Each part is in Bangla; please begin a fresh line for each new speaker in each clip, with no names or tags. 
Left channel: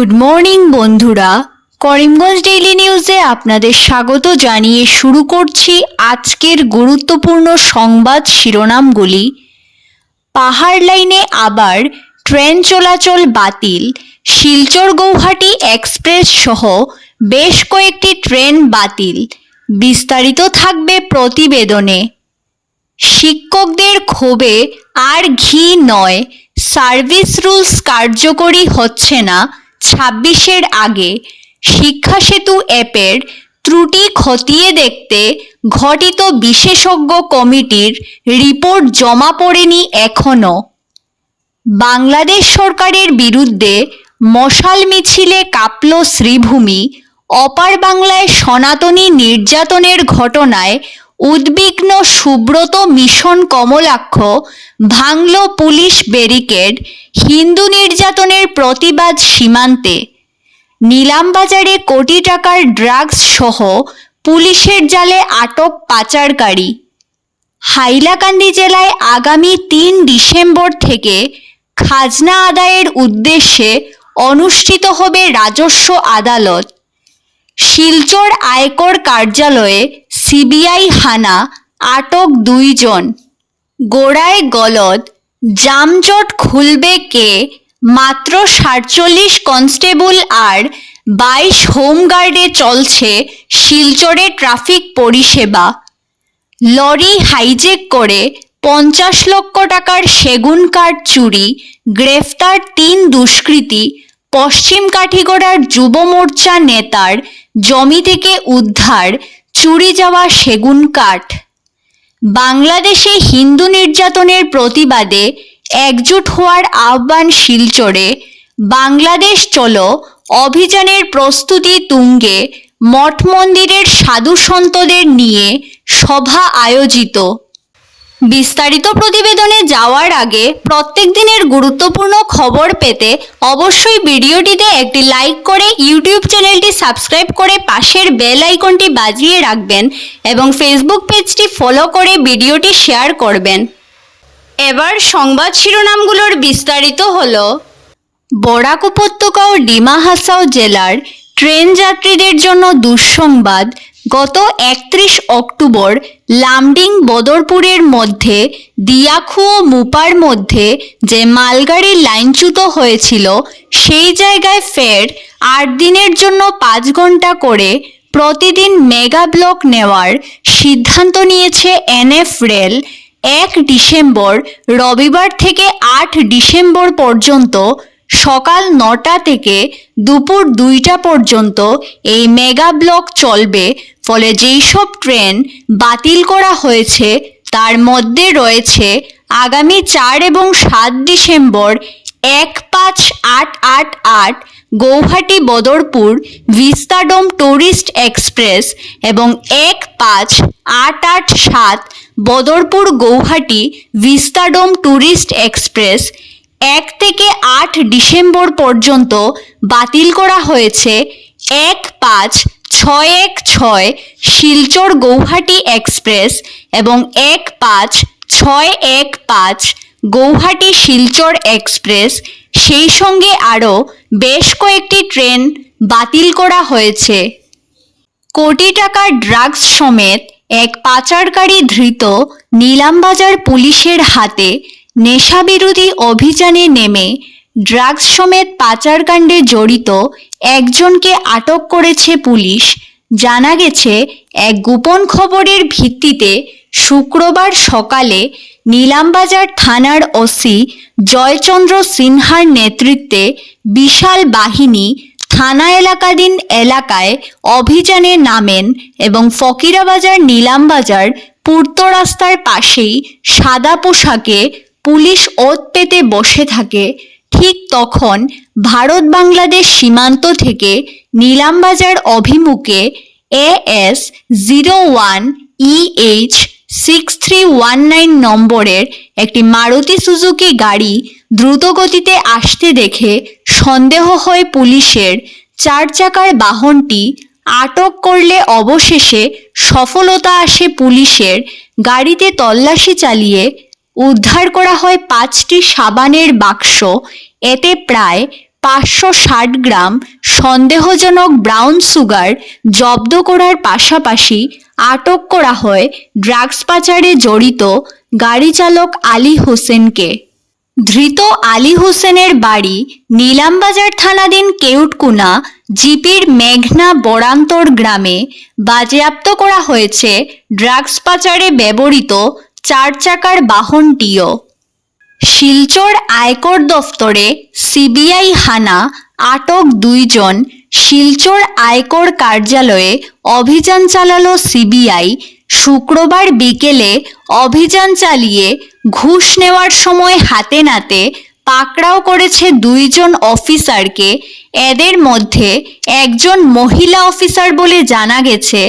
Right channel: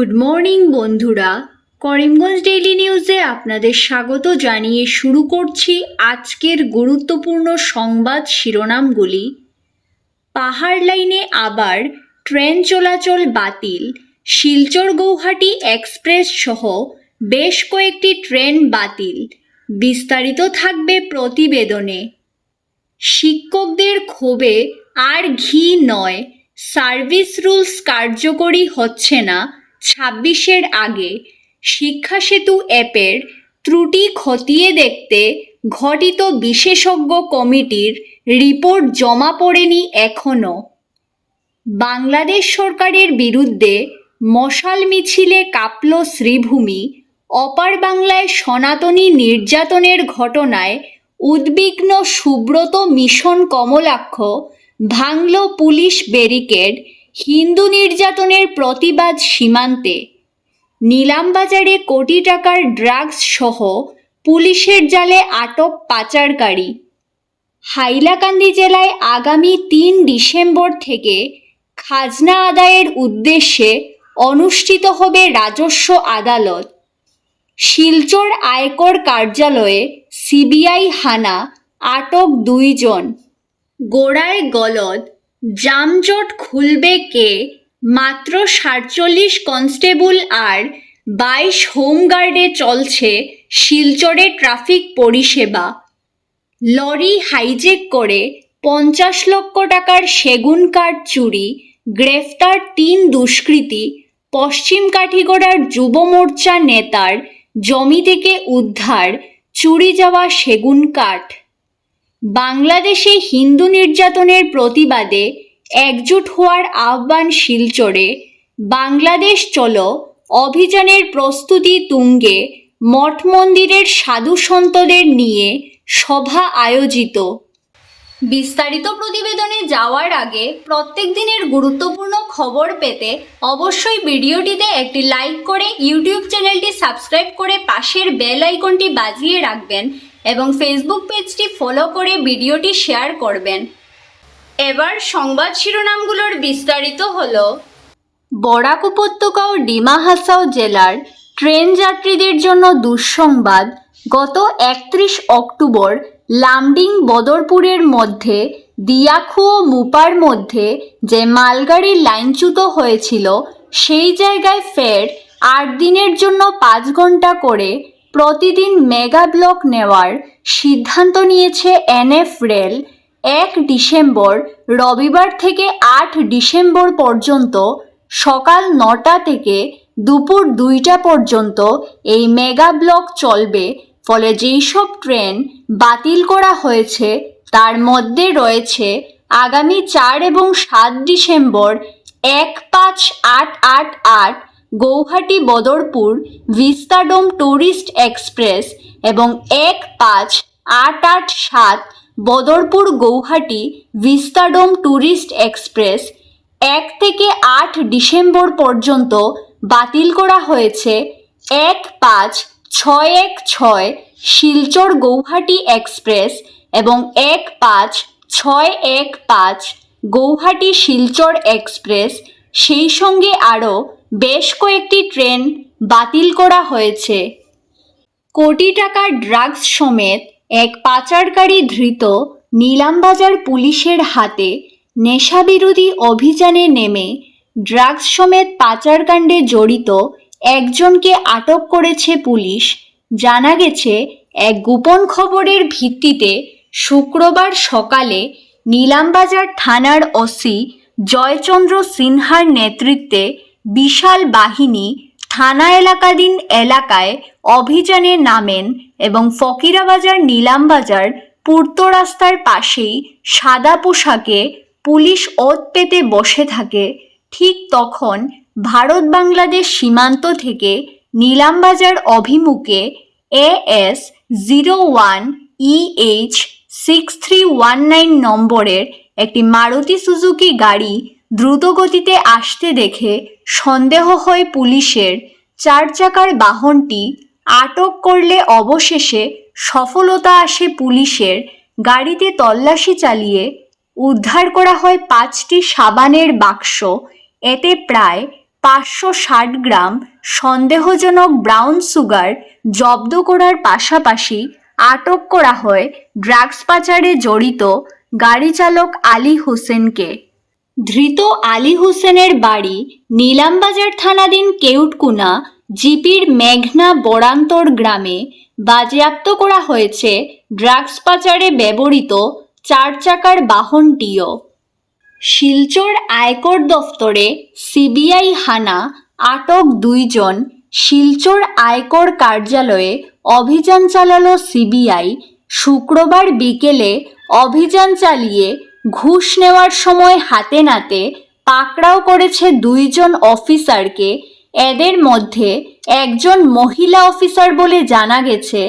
গুড মর্নিং বন্ধুরা। করিমগঞ্জ ডেইলি নিউজে আপনাদের স্বাগত জানিয়ে শুরু করছি আজকের গুরুত্বপূর্ণ সংবাদ শিরোনামগুলি। পাহাড় লাইনে আবার ট্রেন চলাচল বাতিল। শিলচর গৌহাটি এক্সপ্রেস সহ বেশ কয়েকটি ট্রেন বাতিল। বিস্তারিত থাকবে প্রতিবেদনে। শিক্ষকদের ক্ষোভে আর ঘি নয়। সার্ভিস রুলস কার্যকরী হচ্ছে না। ছাব্বিশের আগে শিক্ষা সেতু অ্যাপের ত্রুটি খতিয়ে দেখতে ঘটিত বিশেষজ্ঞ কমিটির রিপোর্ট জমা পড়েনি এখনও। বাংলাদেশ সরকারের বিরুদ্ধে মশাল মিছিলে কাঁপল শ্রীভূমি, অপার বাংলায় সনাতনী নির্যাতনের ঘটনায় উদ্বিগ্ন, সুব্রত, মিশন, কমলাক্ষ, ভাঙল পুলিশ ব্যারিকেড, হিন্দু নির্যাতনের প্রতিবাদ সীমান্তে। নিলামবাজারে কোটি টাকার ড্রাগস সহ পুলিশের জালে আটক পাচারকারী। হাইলাকান্দি জেলায় আগামী তিন ডিসেম্বর থেকে খাজনা আদায়ের উদ্দেশ্যে অনুষ্ঠিত হবে রাজস্ব আদালত। শিলচর আয়কর কার্যালয়ে সিবিআই হানা আটক দুইজন। গোড়ায় গলদ, জামজট খুলবে কে? মাত্র সাতচল্লিশ কনস্টেবল আর বাইশ হোমগার্ডে চলছে শিলচরে ট্রাফিক পরিষেবা। লরি হাইজেক করে পঞ্চাশ লক্ষ টাকার সেগুন কাঠ চুরি, গ্রেফতার তিন দুষ্কৃতী, পশ্চিম কাঠিগড়ার যুব মোর্চা নেতার জমি থেকে উদ্ধার, চুরি যাওয়া সেগুন কাঠ। বাংলাদেশে হিন্দু নির্যাতনের প্রতিবাদে একজোট হওয়ার আহ্বান শিলচরে, বাংলাদেশ চলো অভিযানের প্রস্তুতি তুঙ্গে মঠ মন্দিরের সাধু সন্তদের নিয়ে সভা আয়োজিত। বিস্তারিত প্রতিবেদনে যাওয়ার আগে প্রত্যেক দিনের গুরুত্বপূর্ণ খবর পেতে অবশ্যই ভিডিওটিতে একটি লাইক করে ইউটিউব চ্যানেলটি সাবস্ক্রাইব করে পাশের বেল আইকনটি বাজিয়ে রাখবেন এবং ফেসবুক পেজটি ফলো করে ভিডিওটি শেয়ার করবেন। এবার সংবাদ শিরোনামগুলোর বিস্তারিত হল, বরাক উপত্যকা ও ডিমা হাসাও জেলার ট্রেন যাত্রীদের জন্য দুঃসংবাদ গত একত্রিশ অক্টোবর লামডিং বদরপুরের মধ্যে, দিয়াখু ও মুপার মধ্যে যে মালগাড়ি লাইনচ্যুত হয়েছিল, সেই জায়গায় ফের আট দিনের জন্য পাঁচ ঘণ্টা করে প্রতিদিন মেগা ব্লক নেওয়ার সিদ্ধান্ত নিয়েছে এনএফ রেল। এক ডিসেম্বর, রবিবার থেকে আট ডিসেম্বর পর্যন্ত সকাল নটা থেকে দুপুর দুইটা পর্যন্ত এই মেগা ব্লক চলবে ফলে যেই সব ট্রেন বাতিল করা হয়েছে, তার মধ্যে রয়েছে আগামী চার এবং সাত ডিসেম্বর এক পাঁচ আট আট আট Guwahati Badarpur Vistadome tourist express এবং এক পাঁচ আট আট সাত Badarpur Guwahati Vistadome tourist express এক থেকে আট ডিসেম্বর পর্যন্ত বাতিল করা হয়েছে। এক পাঁচ ছয় এক ছয় শিলচর গৌহাটি এক্সপ্রেস এবং এক পাঁচ ছয় এক পাঁচ গৌহাটি শিলচর এক্সপ্রেস, সেই সঙ্গে আরও বেশ কয়েকটি ট্রেন বাতিল করা হয়েছে। কোটি টাকার ড্রাগস সমেত এক পাচারকারী ধৃত নিলামবাজার পুলিশের হাতে নেশাবিরোধী অভিযানে নেমে ড্রাগস সমেত পাচারকাণ্ডে জড়িত একজনকে আটক করেছে পুলিশ। জানা গেছে, এক গোপন খবরের ভিত্তিতে শুক্রবার সকালে নিলামবাজার থানার ওসি জয়চন্দ্র সিনহার নেতৃত্বে বিশাল বাহিনী থানা এলাকাধীন এলাকায় অভিযানে নামেন এবং ফকিরাবাজার নিলামবাজার পূর্ত রাস্তার পাশেই সাদা পোশাকে পুলিশ ওত পেতে বসে থাকে। ঠিক তখন ভারত বাংলাদেশ সীমান্ত থেকে নিলামবাজার অভিমুখে AS zero one EH six three one nine নম্বরের একটি মারুতি সুজুকি গাড়ি দ্রুতগতিতে আসতে দেখে সন্দেহ হয় পুলিশের চার চাকার বাহনটি আটক করলে অবশেষে সফলতা আসে পুলিশের গাড়িতে তল্লাশি চালিয়ে উদ্ধার করা হয় পাঁচটি সাবানের বাক্স। এতে প্রায় পাঁচশো ষাট গ্রাম সন্দেহজনক ব্রাউন সুগার জব্দ করার পাশাপাশি আটক করা হয় ড্রাগস পাচারে জড়িত গাড়ি চালক আলী হোসেনকে। ধৃত আলী হোসেনের বাড়ি নীলামবাজার থানাধীন কেউটকুনা জিপির মেঘনা বরান্তর গ্রামে বাজেয়াপ্ত করা হয়েছে ড্রাগস পাচারে ব্যবহৃত চার চাকার বাহনটিও। শিলচর আয়কর দফতরে সিবিআই হানা আটক দুইজন শিলচর আয়কর কার্যালয়ে অভিযান চালালো সিবিআই। শুক্রবার বিকেলে অভিযান চালিয়ে ঘুষ নেওয়ার সময় হাতে নাতে পাকড়াও করেছে দুইজন অফিসারকে। এদের মধ্যে একজন মহিলা অফিসার বলে জানা গেছে,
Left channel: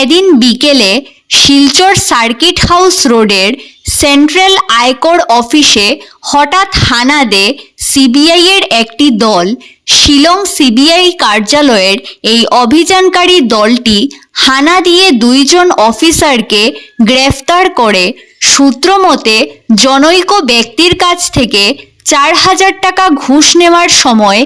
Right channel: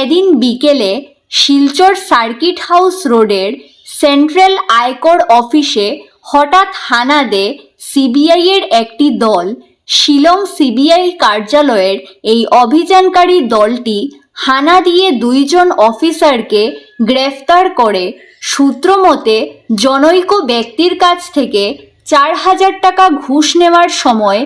এদিন বিকেলে শিলচর সার্কিট হাউস রোডের সেন্ট্রাল আয়কর অফিসে হঠাৎ হানা দেয় সিবিআই এর একটি দল। শিলং সিবিআই কার্যালয়ের এই অভিযানকারী দলটি হানা দিয়ে দুইজন অফিসারকে গ্রেফতার করে। সূত্রমতে জনৈক ব্যক্তির কাছ থেকে চার হাজার টাকা ঘুষ নেওয়ার সময়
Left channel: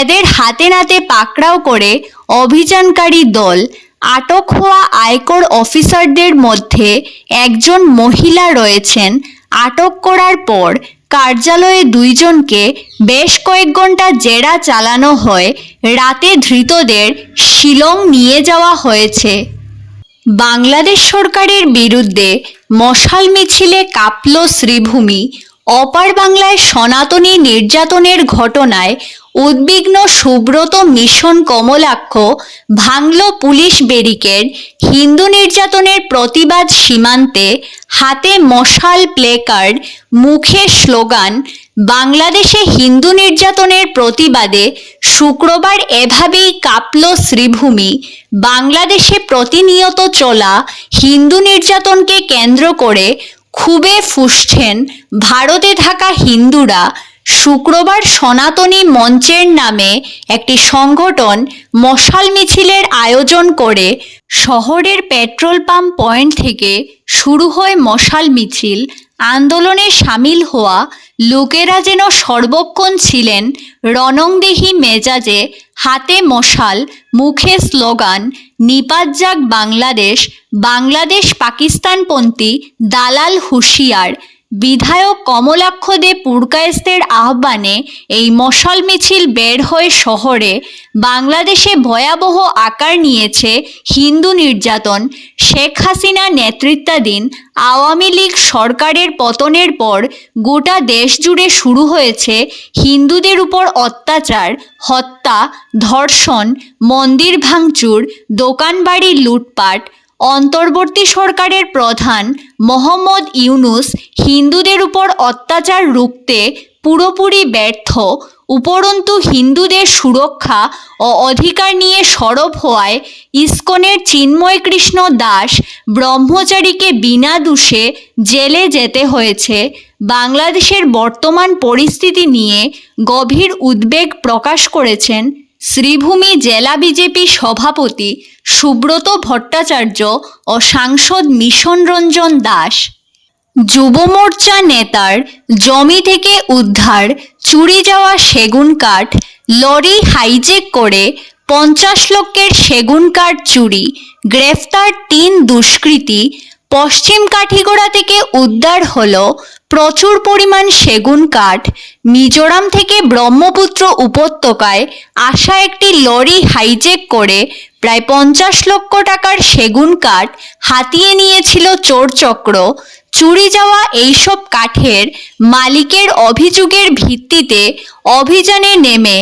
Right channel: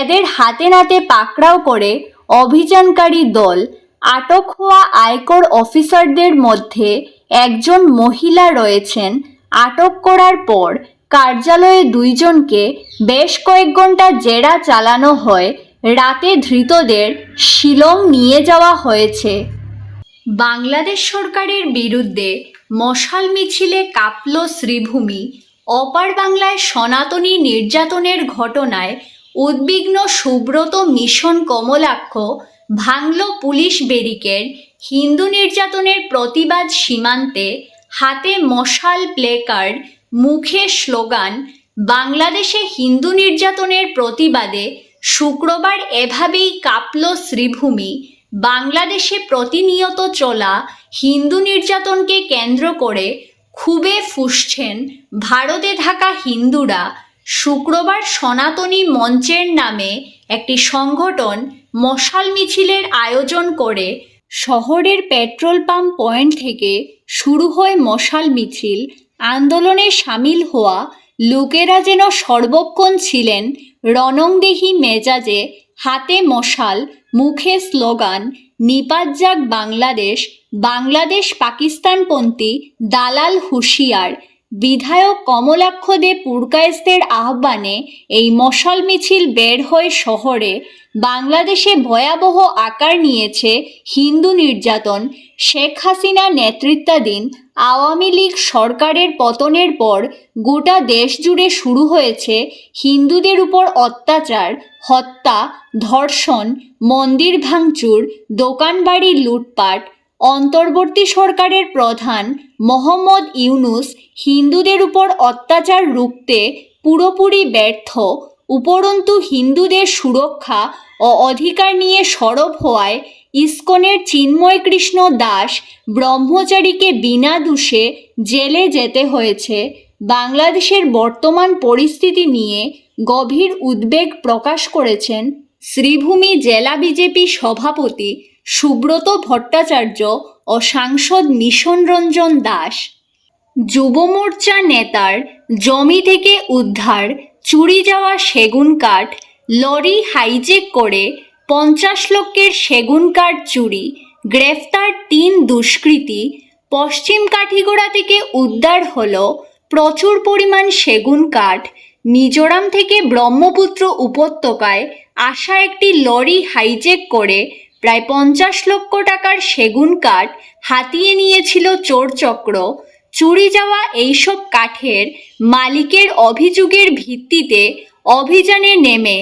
এদের হাতে নাতে পাকড়াও করে অভিযানকারী দল আটক হওয়া আয়কর অফিসারদের মধ্যে একজন মহিলা রয়েছেন। আটক করার পর কার্যালয়ে দুইজনকে বেশ কয়েক ঘণ্টা জেরা চালানো হয়। রাতে ধৃতদের শিলং নিয়ে যাওয়া হয়েছে। বাংলাদেশ সরকারের বিরুদ্ধে মশাল মিছিলে কাঁপল শ্রীভূমি। অপার বাংলায় সনাতনী নির্যাতনের ঘটনায় উদ্বিগ্ন, সুব্রত মিশন কমলাক্ষ, ভাঙল পুলিশ ব্যারিকেড, হিন্দু নির্যাতনের প্রতিবাদ সীমান্তে, হাতে মশাল প্লেকার্ড, মুখে স্লোগান, বাংলাদেশে হিন্দু নির্যাতনের প্রতিবাদে শুক্রবার এভাবেই কাঁপল শ্রীভূমি। বাংলাদেশে প্রতিনিয়ত চলা হিন্দু নির্যাতনকে কেন্দ্র করে খুবে ফুসছেন ভারতে থাকা হিন্দুরা। শুক্রবার সনাতনী মঞ্চের নামে একটি সংগঠন মশাল মিছিলের আয়োজন করে শহরের পেট্রোল পাম্প পয়েন্ট থেকে শুরু হয় মশাল মিছিল আন্দোলনে সামিল হওয়া লোকেরা যেন সর্বক্ষণ ছিলেন রণংদেহী মেজাজে হাতে মশাল, মুখে স্লোগান নিপাত যাক বাংলাদেশ বাংলাদেশ পাকিস্তানপন্থী দালাল হুঁশিয়ার বিধায়ক কমলাক্ষ দে পুরকায়েস্তের আহ্বানে এই মশাল মিছিল বের হয়ে শহরে বাংলাদেশে ভয়াবহ আকার নিয়েছে হিন্দু নির্যাতন। শেখ হাসিনা নেতৃত্বাধীন আওয়ামী লীগ সরকারের পতনের পর গোটা দেশ জুড়ে শুরু হয়েছে হিন্দুদের উপর অত্যাচার, হত্যা, ধর্ষণ, মন্দির ভাঙচুর, দোকানবাড়ি লুটপাট অন্তর্বর্তী সরকারের প্রধান মোহাম্মদ ইউনুস হিন্দুদের উপর অত্যাচার রুখতে পুরোপুরি ব্যর্থ, উপরন্তু হিন্দুদের সুরক্ষা ও অধিকার নিয়ে সরব হওয়ায় ইস্কনের চিন্ময় কৃষ্ণ দাস ব্রহ্মচারীকে বিনা দোষে জেলে যেতে হয়েছে। বাংলাদেশের বর্তমান পরিস্থিতি নিয়ে গভীর উদ্বেগ প্রকাশ করেছেন শ্রীভূমি জেলা বিজেপি সভাপতি সুব্রত ভট্টাচার্য ও সাংসদ মিশন রঞ্জন দাস। যুব মোর্চা নেতার জমি থেকে উদ্ধার, চুরি যাওয়া সেগুন কাঠ, লরি হাইজেক করে পঞ্চাশ লক্ষের সেগুন কাঠ চুরি, গ্রেফতার তিন দুষ্কৃতী, পশ্চিম কাঠিগড়া থেকে উদ্ধার হলো প্রচুর পরিমাণ সেগুন কাঠ মিজোরাম থেকে ব্রহ্মপুত্র উপত্যকায় আসা একটি লরি হাইজেক করে প্রায় পঞ্চাশ লক্ষ টাকার সেগুন কাঠ হাতিয়ে নিয়েছিল চোরচক্র। চুরি যাওয়া এইসব কাঠের মালিকের অভিযোগের ভিত্তিতে অভিযানে নেমে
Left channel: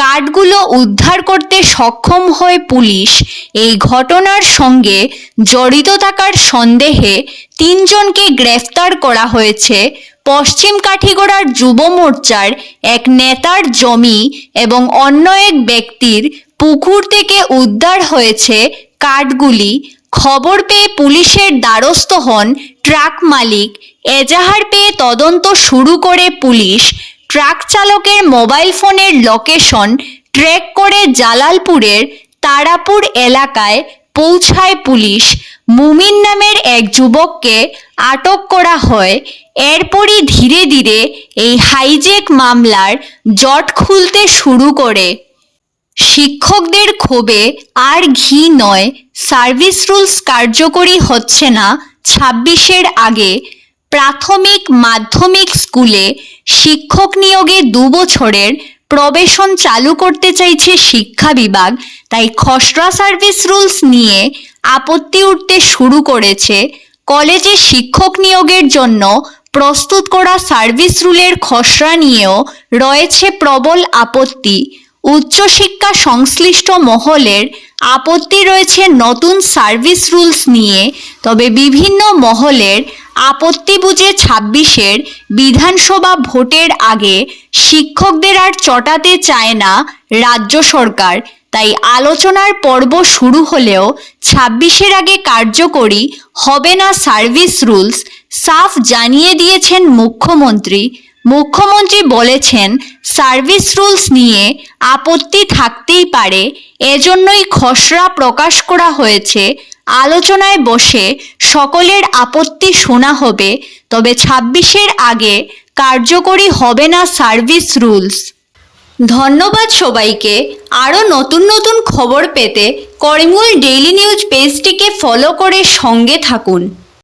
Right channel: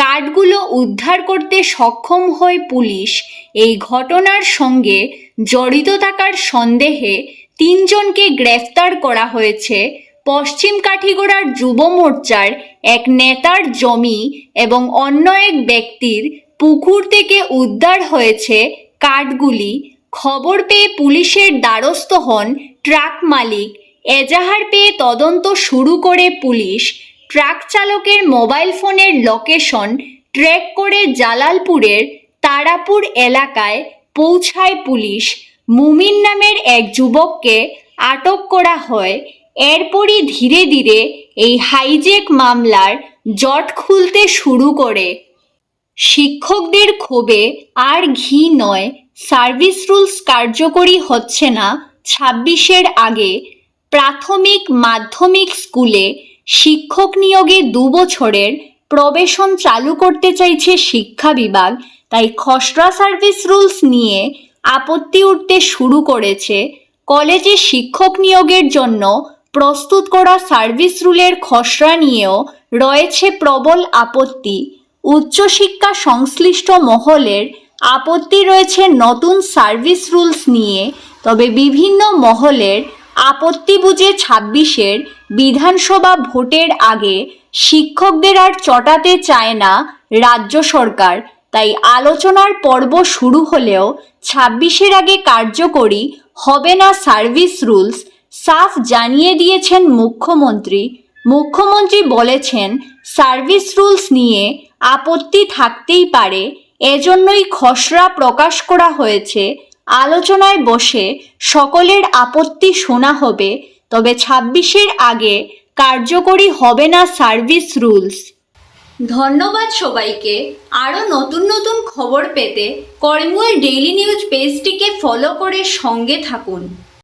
কাঠগুলো উদ্ধার করতে সক্ষম হয় পুলিশ। এই ঘটনার সঙ্গে জড়িত থাকার সন্দেহে তিনজনকে গ্রেফতার করা হয়েছে। পশ্চিম কাঠিগড়ার যুব মোর্চার এক নেতার জমি এবং অন্য এক ব্যক্তির পুকুর থেকে উদ্ধার হয়েছে কাঠগুলি খবর পেয়ে পুলিশের দ্বারস্থ হন ট্রাক মালিক। এজাহার পেয়ে তদন্ত শুরু করে পুলিশ। ট্রাক চালকের মোবাইল ফোনের লোকেশন ট্র্যাক করে জালালপুরের তারাপুর এলাকায় পৌঁছায় পুলিশ। মুমিন নামের এক যুবককে আটক করা হয়। এরপরই ধীরে ধীরে এই হাইজেক মামলার জট খুলতে শুরু করে। শিক্ষকদের ক্ষোভে আর ঘি নয়, সার্ভিস রুলস কার্যকরী হচ্ছে না ছাব্বিশের আগে। প্রাথমিক মাধ্যমিক স্কুলে শিক্ষক নিয়োগে দু বছরের প্রবেশন চালু করতে চাইছে শিক্ষা বিভাগ। তাই খসড়া সার্ভিস রুলস নিয়ে আপত্তি উঠতে শুরু করেছে কলেজে শিক্ষক নিয়োগের জন্য প্রস্তুত করা সার্ভিস রুলের খসড়া নিয়েও রয়েছে প্রবল আপত্তি। উচ্চশিক্ষা সংশ্লিষ্ট মহলের আপত্তি রয়েছে নতুন সার্ভিস রুলস নিয়ে। তবে বিভিন্ন মহলের আপত্তি বুঝে ছাব্বিশের বিধানসভা ভোটের আগে শিক্ষকদের আর চটাতে চায় না রাজ্য সরকার। তাই আলোচনার পর্ব শুরু হলেও ছাব্বিশের আগে কার্যকরী হবে না সার্ভিস রুলস, সাফ জানিয়ে দিয়েছেন মুখ্যমন্ত্রী। মুখ্যমন্ত্রী বলেছেন, সার্ভিস রুলস নিয়ে আপত্তি থাকতেই পারে, এজন্যই খসড়া প্রকাশ করা হয়েছে। আলোচনায় বসে সকলের আপত্তি শোনা হবে, তবে ছাব্বিশের আগে কার্যকরী হবে না সার্ভিস রুলস। ধন্যবাদ সবাইকে। আরও নতুন নতুন খবর পেতে করিমুল ডেইলি নিউজ পেজটিকে ফলো করে সঙ্গে থাকুন।